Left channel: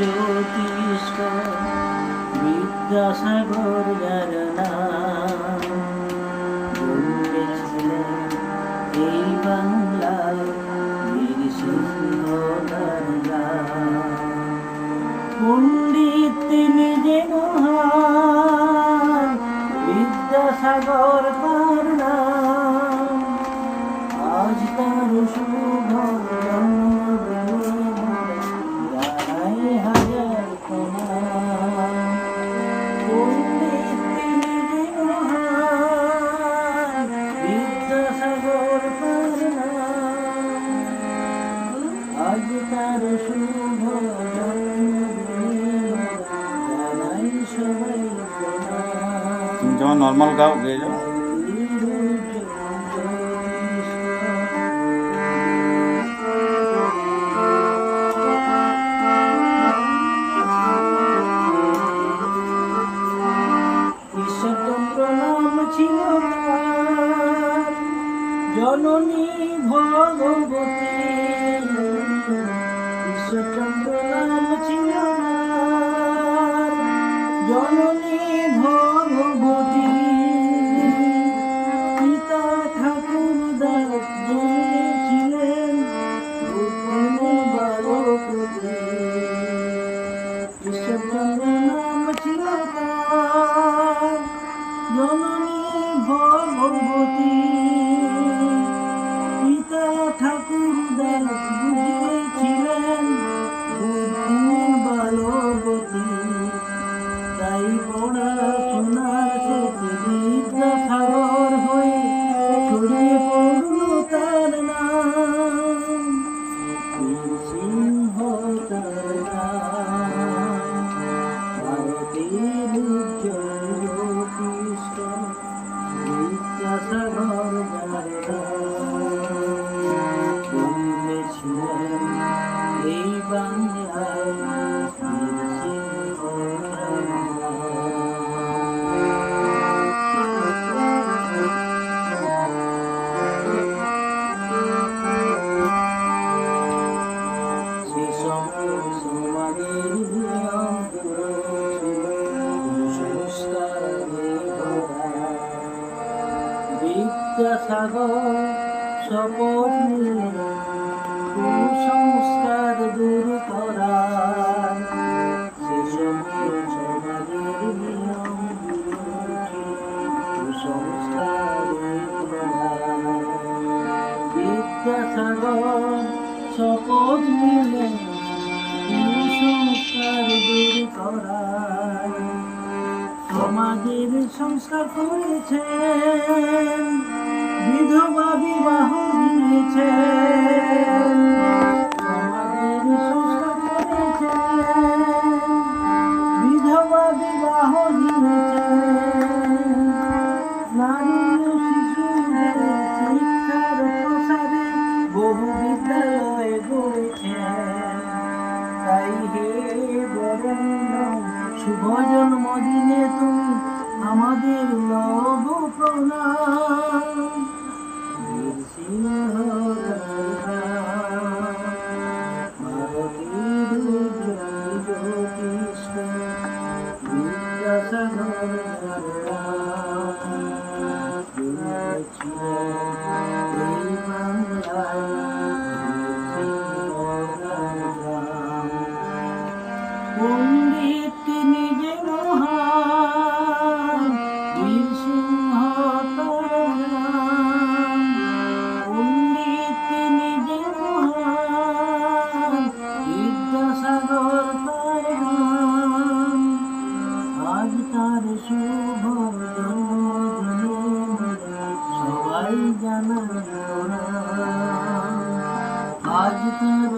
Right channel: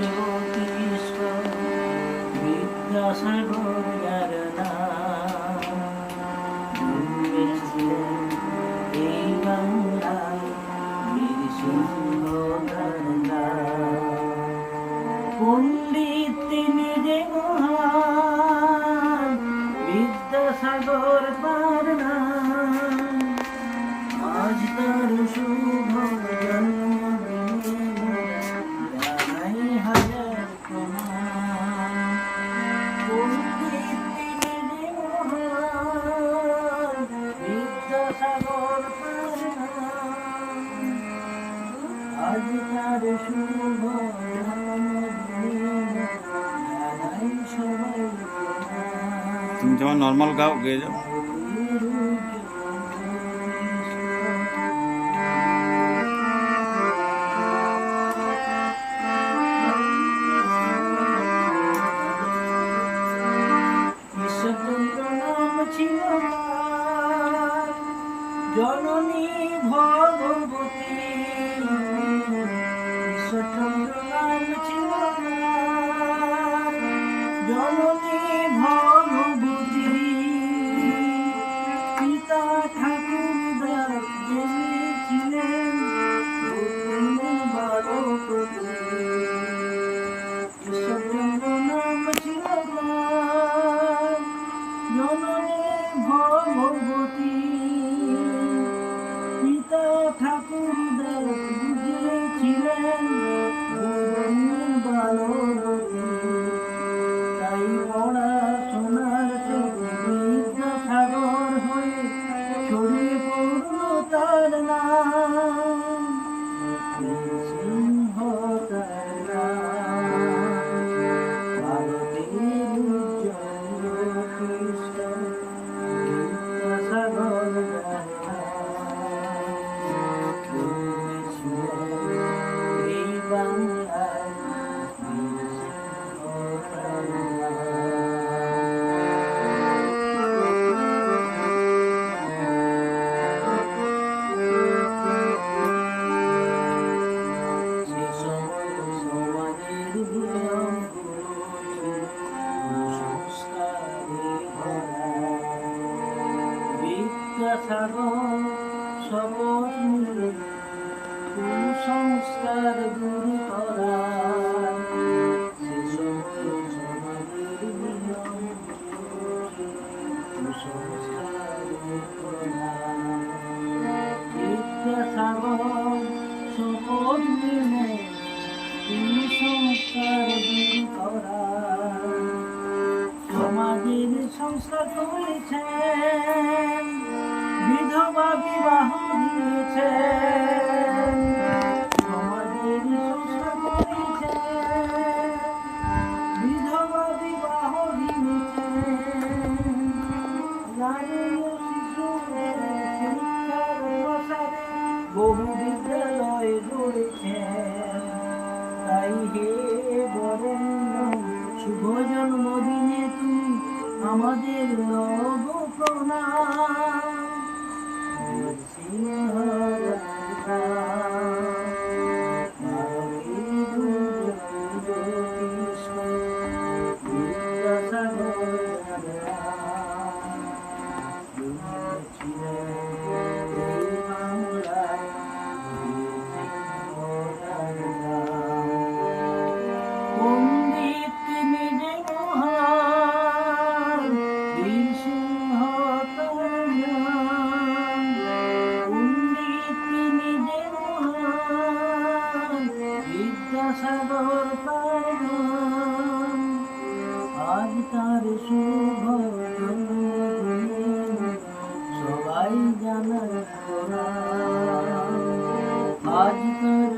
জ্যোতিষ বিদ্যাসাগর যার নাম, জন্মেছিলেন এই বাংলায় বীর সিংহ তার নাম। পণ্ডিত তিনি যে মহান, বিদ্যাসাগর তার নাম। আজ তার শুভ জন্মদিনে জানাই হাজার প্রণাম। পণ্ডিত তিনি যে মহান, বিদ্যাসাগর তার নাম। আজ তার শুভ জন্মদিনে জানাই সবাই প্রণাম। তুমি যেমন নর্মাল গাও গেয়ে যাও। ঈশ্বরচন্দ্র নাম ছিল তার, জননী ভগবতী। ঈশ্বরচন্দ্র নাম ছিল তার, জননী ভগবতী। পিতা ঠাকুর দাস জন্মেছিলেন বুদ্ধিমান বালকতে। ঈশ্বরচন্দ্র নাম ছিল তার, জননী ভগবতী। পিতা ঠাকুর দাস বুঝেছিলেন বুদ্ধিমান বালকতে। তাই পড়াশোনার ক্ষেত্রে বিদ্যাসাগর হয়ে ছড়িয়ে পড়ল তার নাম। বীর সিংহ তার নাম। ভারতের উজ্জ্বল জ্যোতিষ্ক বিদ্যাসাগর যার নাম। জন্মেছিলেন এই বাংলায় বীর সিংহ তার নাম। সে সময় সমাজের নিয়ম গুলো ছিল কুসংস্কারে ভরা। বিদ্যাসাগর শপথ নিলেন কুসংস্কার দূর করার। সে সময় সমাজের নিয়ম গুলো ছিল কুসংস্কারে ভরা। বিদ্যাসাগর শপথ নিলেন কুসংস্কার দূর করার। সমাজের সংস্কার করেছেন, বিধবা বিবাহ দিয়েছেন। সমাজের সংস্কার করেছেন, বিধবা বিবাহ দিয়েছেন। নারী ও শিশুদের শিক্ষার প্রসারে বহু বিদ্যালয় গড়েছেন। তাই হে বরেণ্য শুভ জন্মদিনে তুমি আমাদের লব প্রণাম। বীর সিংহ তার নাম। ভারতের উজ্জ্বল জ্যোতিষ্ক বিদ্যাসাগর যার নাম। জন্মেছিলেন এই বাংলায় বীর সিংহ তার নাম। পণ্ডিত তিনি যে মহান, বীর সিংহ তার নাম। পণ্ডিত তিনি যে মহান, বিদ্যাসাগর তার নাম। আজ তার শুভ জন্মদিনে সবাই জানার প্রণাম। আজ তার